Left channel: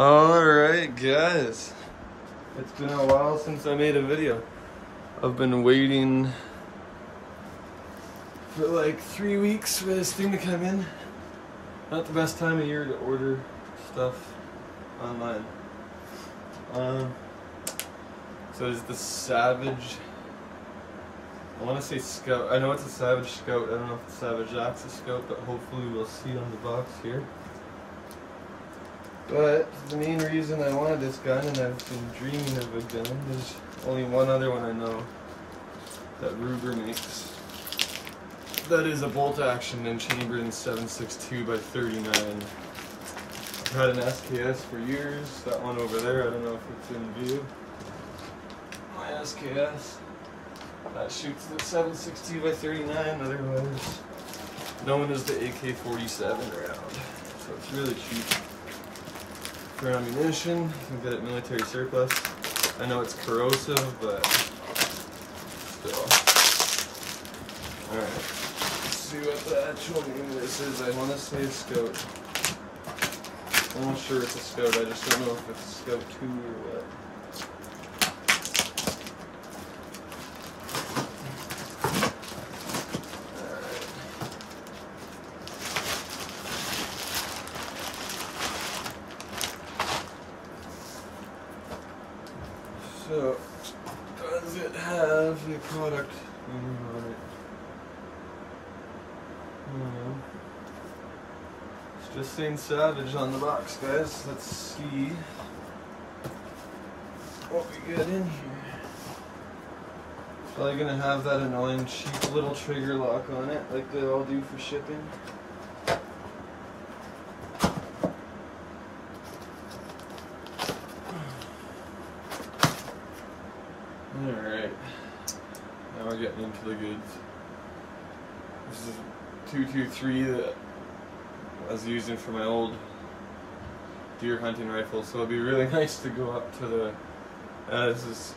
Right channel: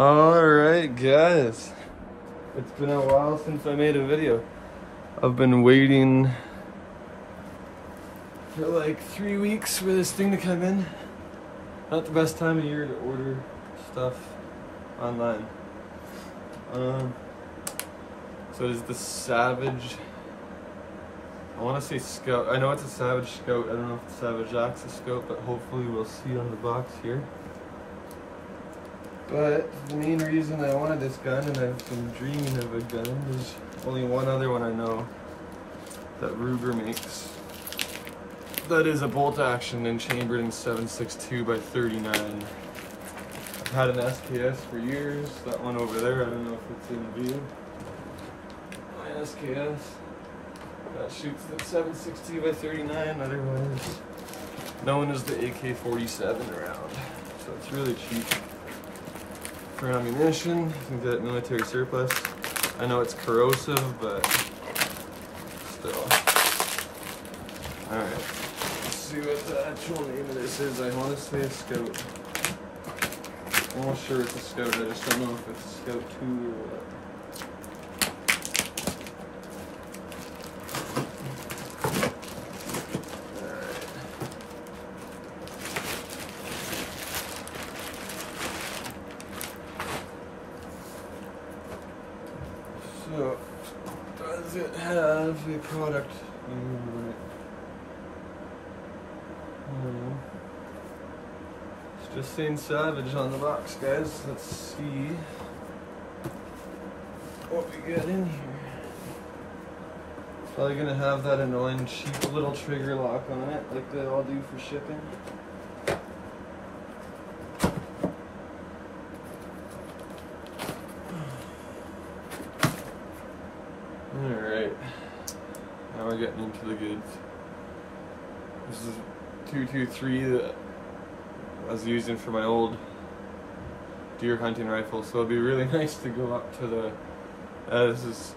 Alright guys, it's been a while since I made a video. I've been waiting for like 3 weeks for this thing to come in. Not the best time of year to order stuff online. So there's the Savage, I want to say Scout. I know it's a Savage Scout. I don't know if it's Savage Axis Scout, but hopefully we'll see on the box here. But the main reason I wanted this gun, and I've been dreaming of a gun, there's only one other one I know that Ruger makes. That is a bolt action and chambered in 7.62 by 39. I've had an SKS for years. That one over there, I don't know if it's in view. My SKS. That shoots at 7.62 by 39, otherwise known as the AK-47 round. So it's really cheap. For ammunition, you can get it military surplus. I know it's corrosive, but still. Alright, let's see what the actual name of this is. I want to say a Scout. I'm not sure it's a Scout, I just don't know if it's a Scout 2 or what. So, does it have a product name on it? It's just saying Savage on the box, guys. Let's see what we get in here. It's probably gonna have that annoying cheap little trigger lock on it, like they all do for shipping. Alright, now we're getting into the goods. This is 223 that I was using for my old deer hunting rifle, so it'd be really nice to go up to the, this is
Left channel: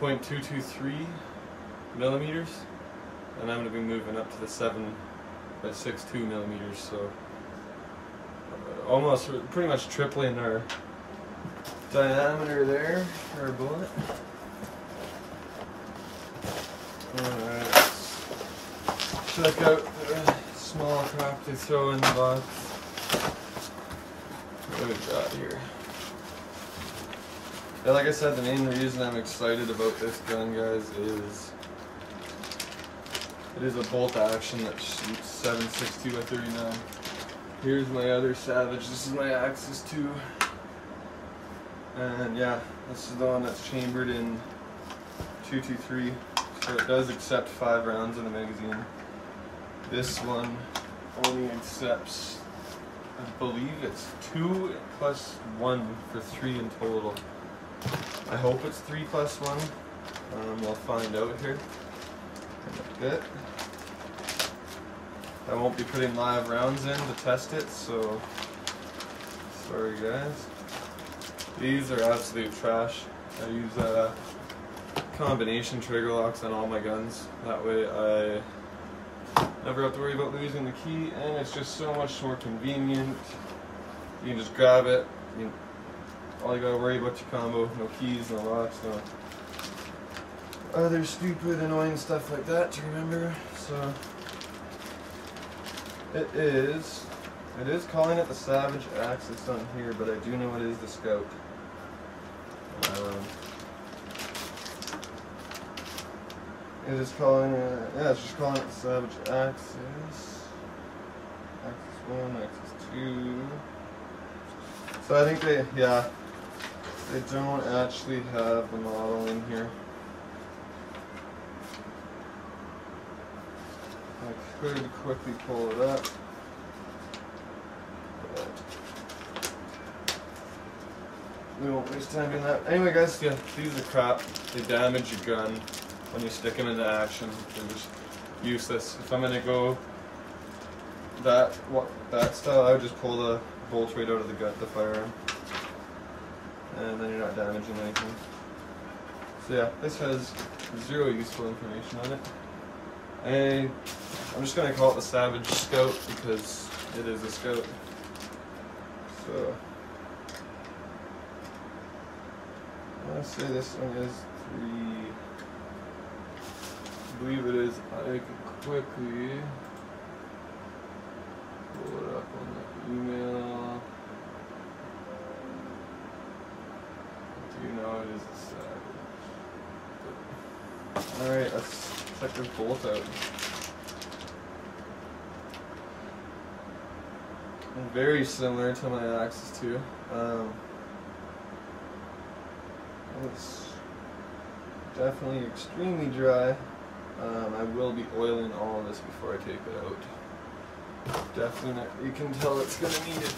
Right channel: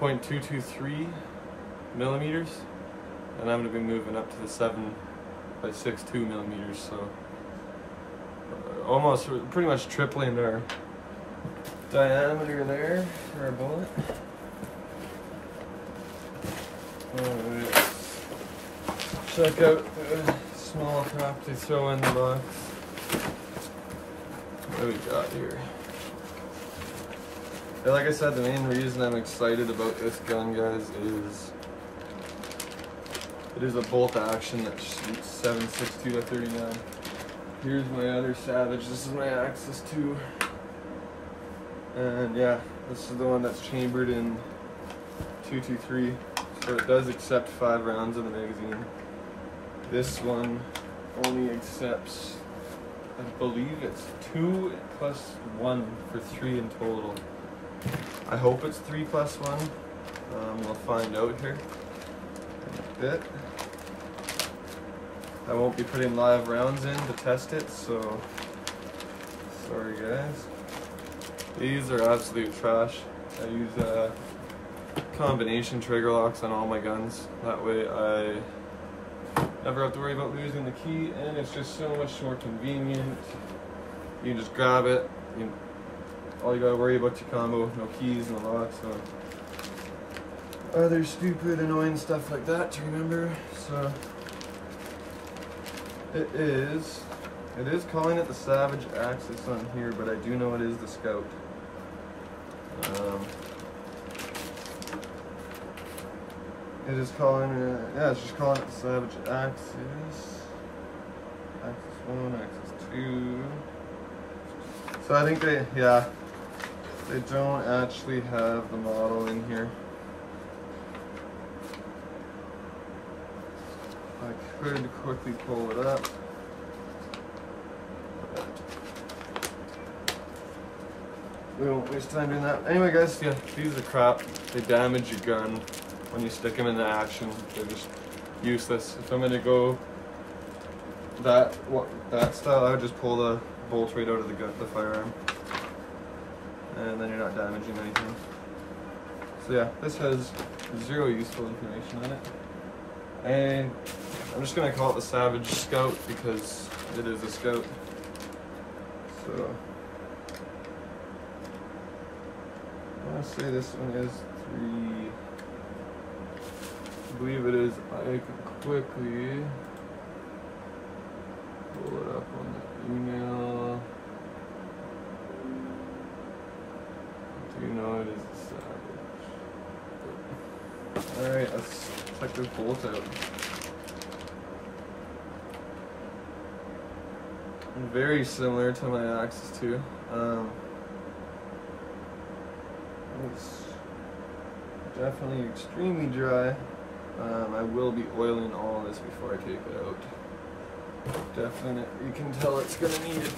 .223 millimeters, and I'm going to be moving up to the 7.62 millimeters, so almost, pretty much tripling our diameter there for our bullet. Alright, check out the small crap they throw in the box. What do we got here? Yeah, like I said, the main reason I'm excited about this gun, guys, is it is a bolt action that shoots 7.62 by 39. Here's my other Savage. This is my Axis 2. And yeah, this is the one that's chambered in 223. So it does accept 5 rounds in the magazine. This one only accepts, I believe it's 2 plus 1 for 3 in total. I hope it's 3 plus 1. We'll find out here in a bit. I won't be putting live rounds in to test it, so sorry guys. These are absolute trash. I use combination trigger locks on all my guns. That way I never have to worry about losing the key, and it's just so much more convenient. You can just grab it. All you gotta worry about your combo, no keys, no locks, no other stupid annoying stuff like that to remember. So it is calling it the Savage Axis on here, but I do know it is the Scout. It is calling it, yeah, it's just calling it the Savage Axis. Axis 1, Axis 2. So I think they don't actually have the model in here. I could quickly pull it up. But we won't waste time doing that. Anyway guys, yeah, these are crap. They damage your gun. When you stick them into action, they're just useless. If I'm gonna go that style, I would just pull the bolt right out of the firearm, and then you're not damaging anything. So yeah, this has 0 useful information on it. I'm just gonna call it the Savage Scout because it is a Scout. So I say this one is 3. I believe it is. I can quickly pull it up on the email. Do you know it is a Savage? Alright, let's check this bolt out. Very similar to my Axis 2. It's definitely extremely dry. I will be oiling all of this before I take it out. Definitely, you can tell it's gonna need it.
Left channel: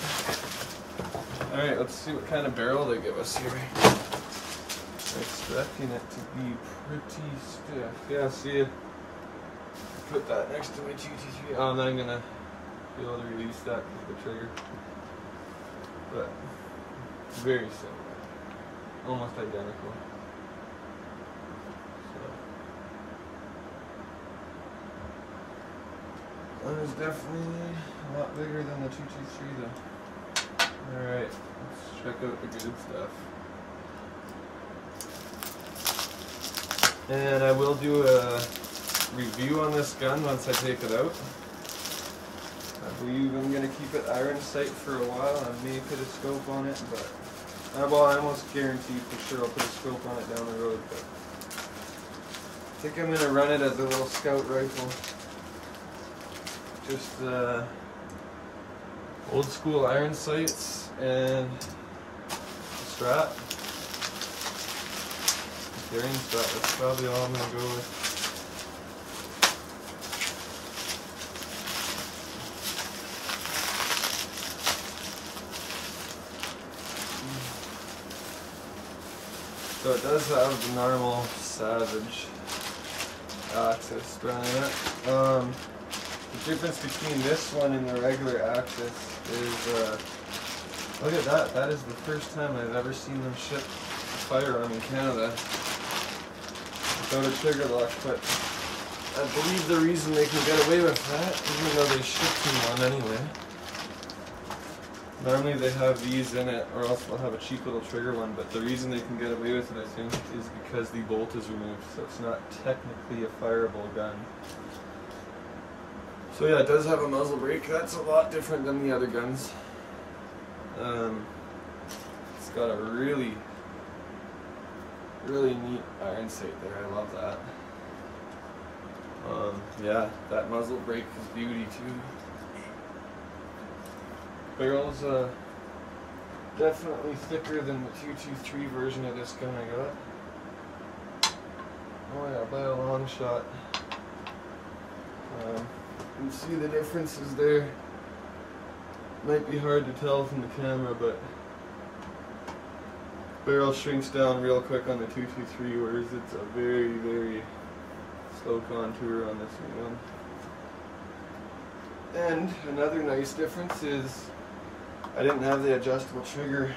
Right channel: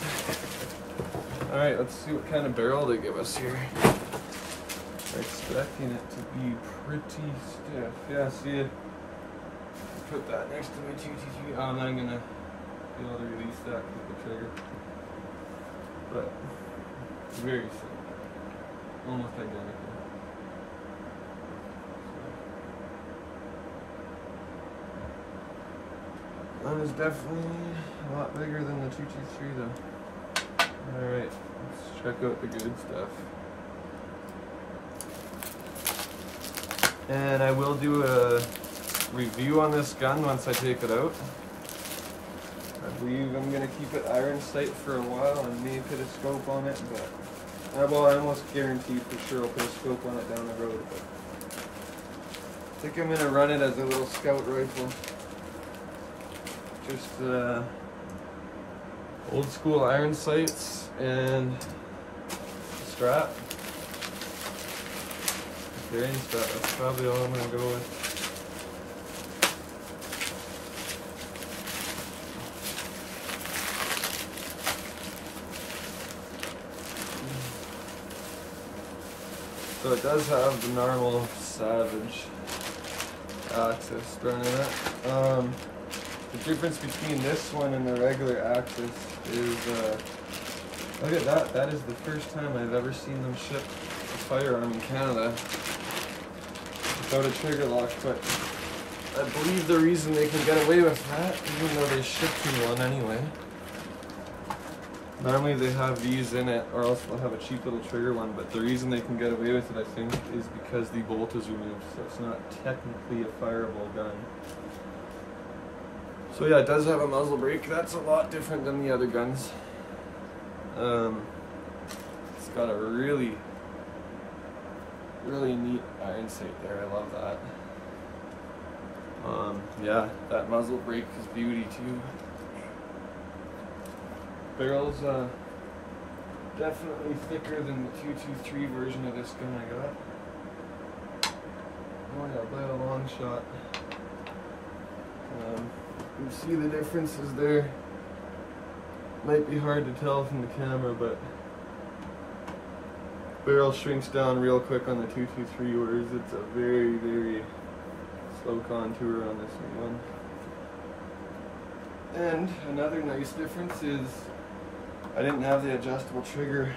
Alright, let's see what kind of barrel they give us here. I'm expecting it to be pretty stiff. Yeah, see it. Put that next to my 223. Oh, I'm not gonna be able to release that with the trigger. But very similar. Almost identical. One is definitely a lot bigger than the 223 though. Alright, let's check out the good stuff. And I will do a review on this gun once I take it out. I believe I'm going to keep it iron sight for a while. I may put a scope on it, but well, I almost guarantee for sure I'll put a scope on it down the road. But I think I'm going to run it as a little scout rifle. Just old school iron sights and strap. Carrying strap, that's probably all I'm going to go with. So it does have the normal Savage Axis running it. The difference between this one and the regular Axis is, look at that. That is the first time I've ever seen them ship a firearm in Canada without a trigger lock, but I believe the reason they can get away with that, even though they shipped me one anyway. Normally they have these in it, or else they'll have a cheap little trigger one, but the reason they can get away with it, I think, is because the bolt is removed, so it's not technically a fireable gun. So yeah, it does have a muzzle brake. That's a lot different than the other guns. It's got a really neat iron sight there. I love that. Yeah, that muzzle brake is beauty too. Barrel's definitely thicker than the 223 version of this gun I got. Oh yeah, by a long shot. You can see the differences there. Might be hard to tell from the camera, but barrel shrinks down real quick on the 223, whereas it's a very slow contour on this new one. And another nice difference is I didn't have the adjustable trigger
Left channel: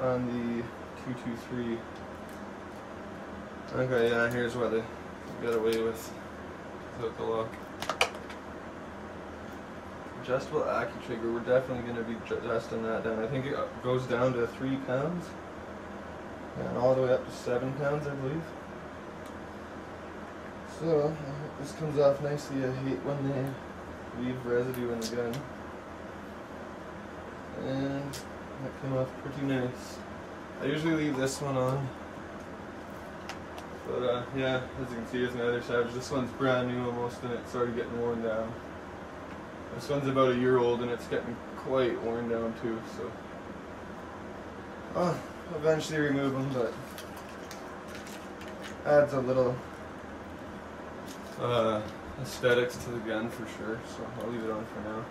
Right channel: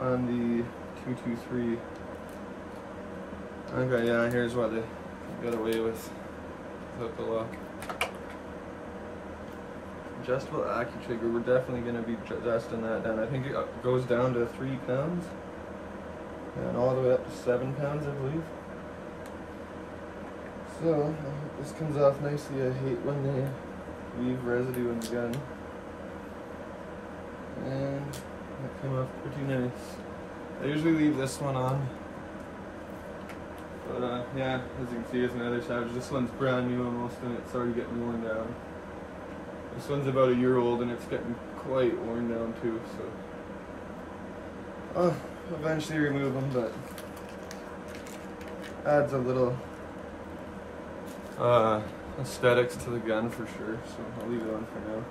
on the 223. Okay, yeah, here's why they got away with without the lock. Adjustable Accu trigger, we're definitely going to be adjusting that down. I think it goes down to 3 pounds and all the way up to 7 pounds, I believe. So, I hope this comes off nicely. I hate when they leave residue in the gun. And that came off pretty nice. I usually leave this one on. But yeah, as you can see, it's my other Savage. This one's brand new almost, and it's already getting worn down. This one's about a year old, and it's getting quite worn down too, so I'll eventually remove them, but adds a little aesthetics to the gun for sure, so I'll leave it on for now.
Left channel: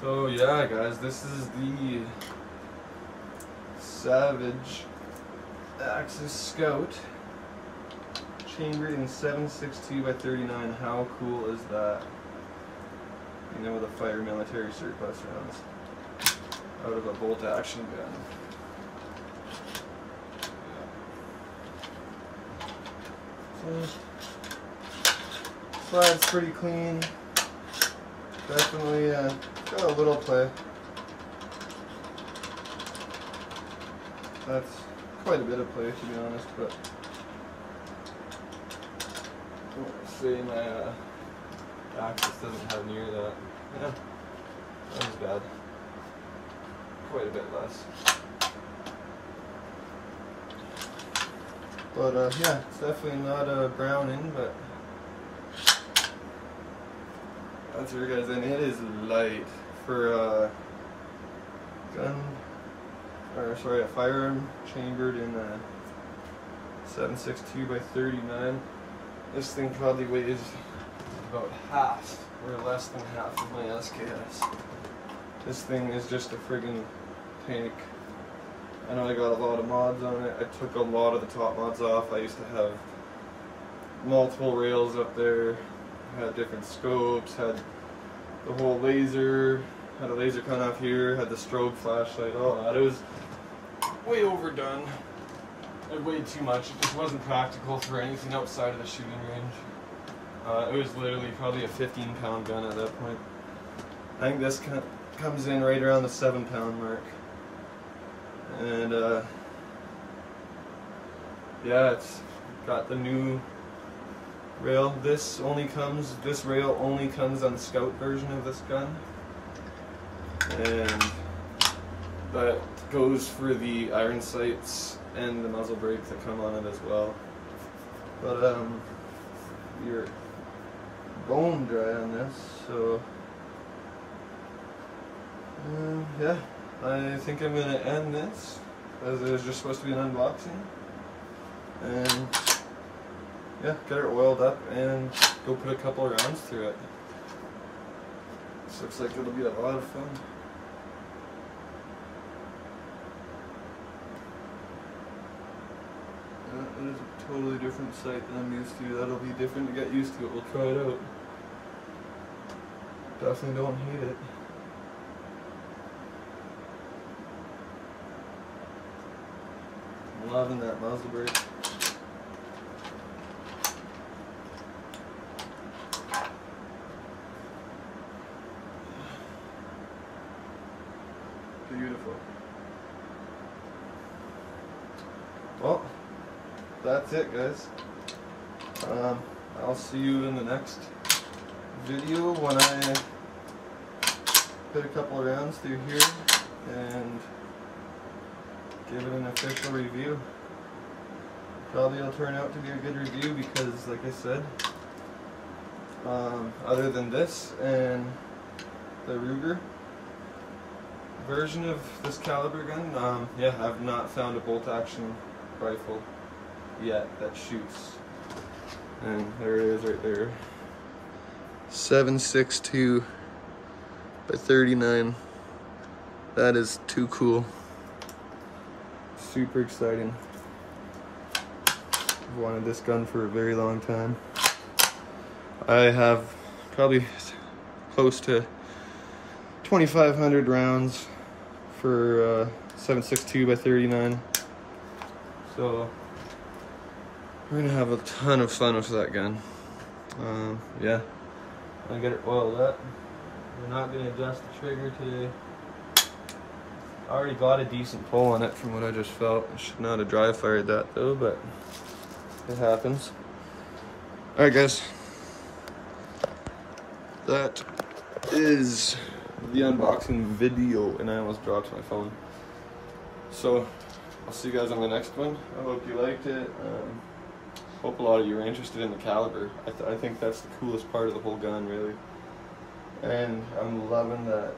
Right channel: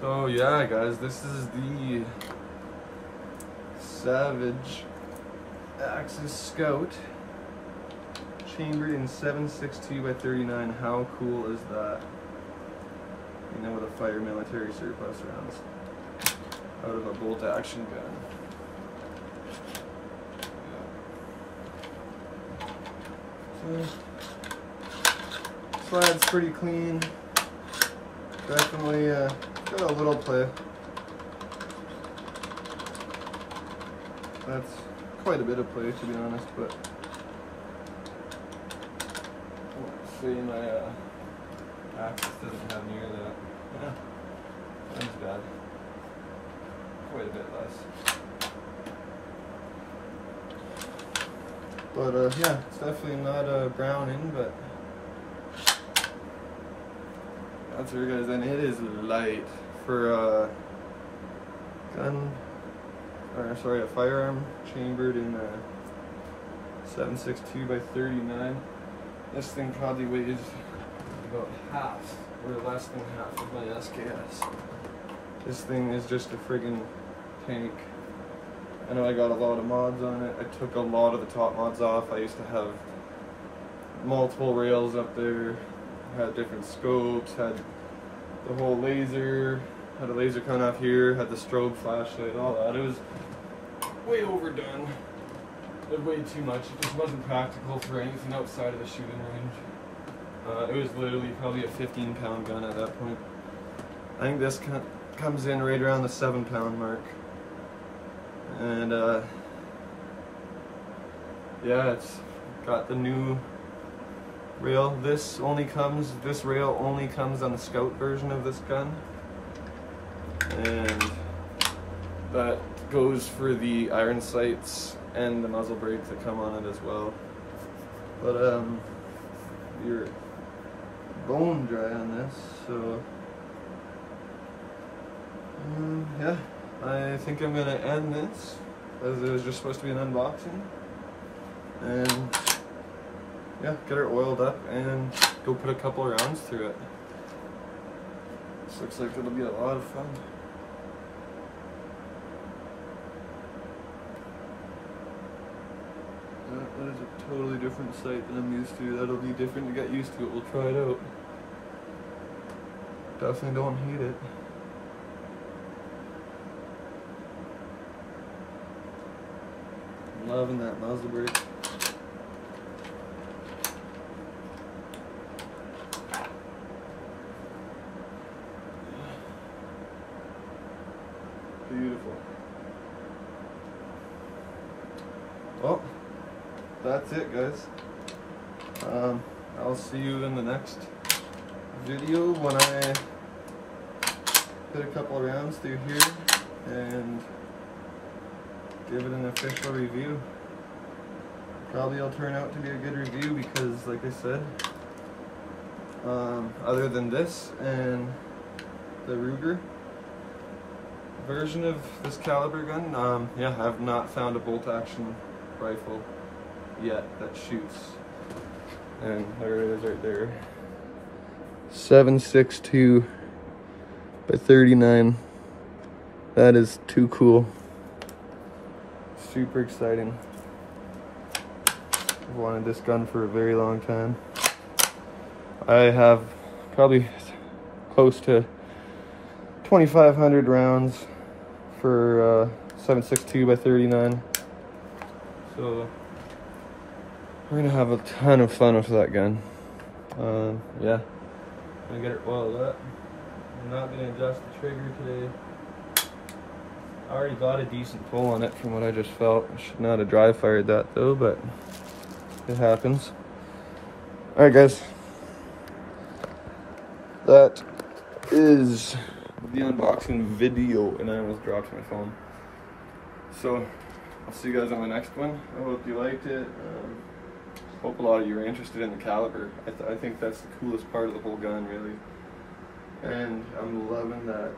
So yeah, guys, this is the Savage Axis Scout, chambered in 7.62 by 39. How cool is that? You know, with a fire military surplus rounds out of a bolt action gun. Yeah. So, slide's pretty clean. Definitely got a little play. that's quite a bit of play, to be honest, but I want to say my Axis doesn't have near that. Yeah, that was bad. Quite a bit less. But yeah, it's definitely not a browning, but that's her, guys, and it is light for a gun, or sorry, a firearm chambered in a 7.62 by 39. This thing probably weighs about half or less than half of my SKS. This thing is just a friggin' tank. I know I got a lot of mods on it. I took a lot of the top mods off. I used to have multiple rails up there, had different scopes, had the whole laser, had a laser coming off here, had the strobe flashlight, all that. It was way overdone. It weighed too much. It just wasn't practical for anything outside of the shooting range. It was literally probably a 15-pound gun at that point. I think this comes in right around the 7-pound mark. And yeah, it's got the new rail. This rail only comes on the Scout version of this gun, and that goes for the iron sights and the muzzle brake that come on it as well. But you're bone dry on this, so yeah, I think I'm gonna end this, as it was just supposed to be an unboxing, and yeah, get her oiled up and go put a couple of rounds through it. This looks like it'll be a lot of fun. That is a totally different sight than I'm used to. That'll be different to get used to it. We'll try it out. Definitely don't hate it. I'm loving that muzzle brake. Beautiful. Well, that's it, guys. I'll see you in the next video when I put a couple of rounds through here and give it an official review. Probably it'll turn out to be a good review because, like I said, other than this and the Ruger version of this caliber gun, yeah, I've not found a bolt action rifle yet that shoots. And there it is right there. 7.62 by 39. That is too cool. Super exciting. I've wanted this gun for a very long time. I have probably close to 2,500 rounds for 7.62 by 39. So we're gonna have a ton of fun with that gun. Yeah, I'm gonna get it oiled up. We're not gonna adjust the trigger today. I already got a decent pull on it from what I just felt. I should not have dry fired that though, but it happens. All right, guys. That is the unboxing video, and I almost dropped my phone. So I'll see you guys on the next one. I hope you liked it. Hope a lot of you are interested in the caliber. I think that's the coolest part of the whole gun, really. And I'm loving that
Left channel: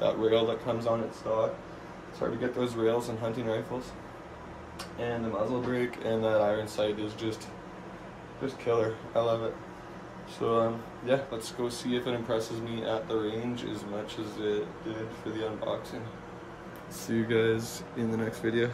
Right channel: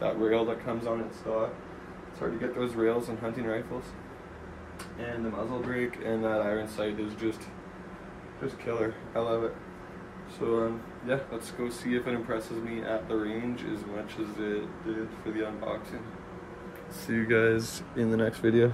that rail that comes on its stock. It's hard to get those rails on hunting rifles. And the muzzle brake and that iron sight is just killer. I love it. So yeah, let's go see if it impresses me at the range as much as it did for the unboxing. See you guys in the next video.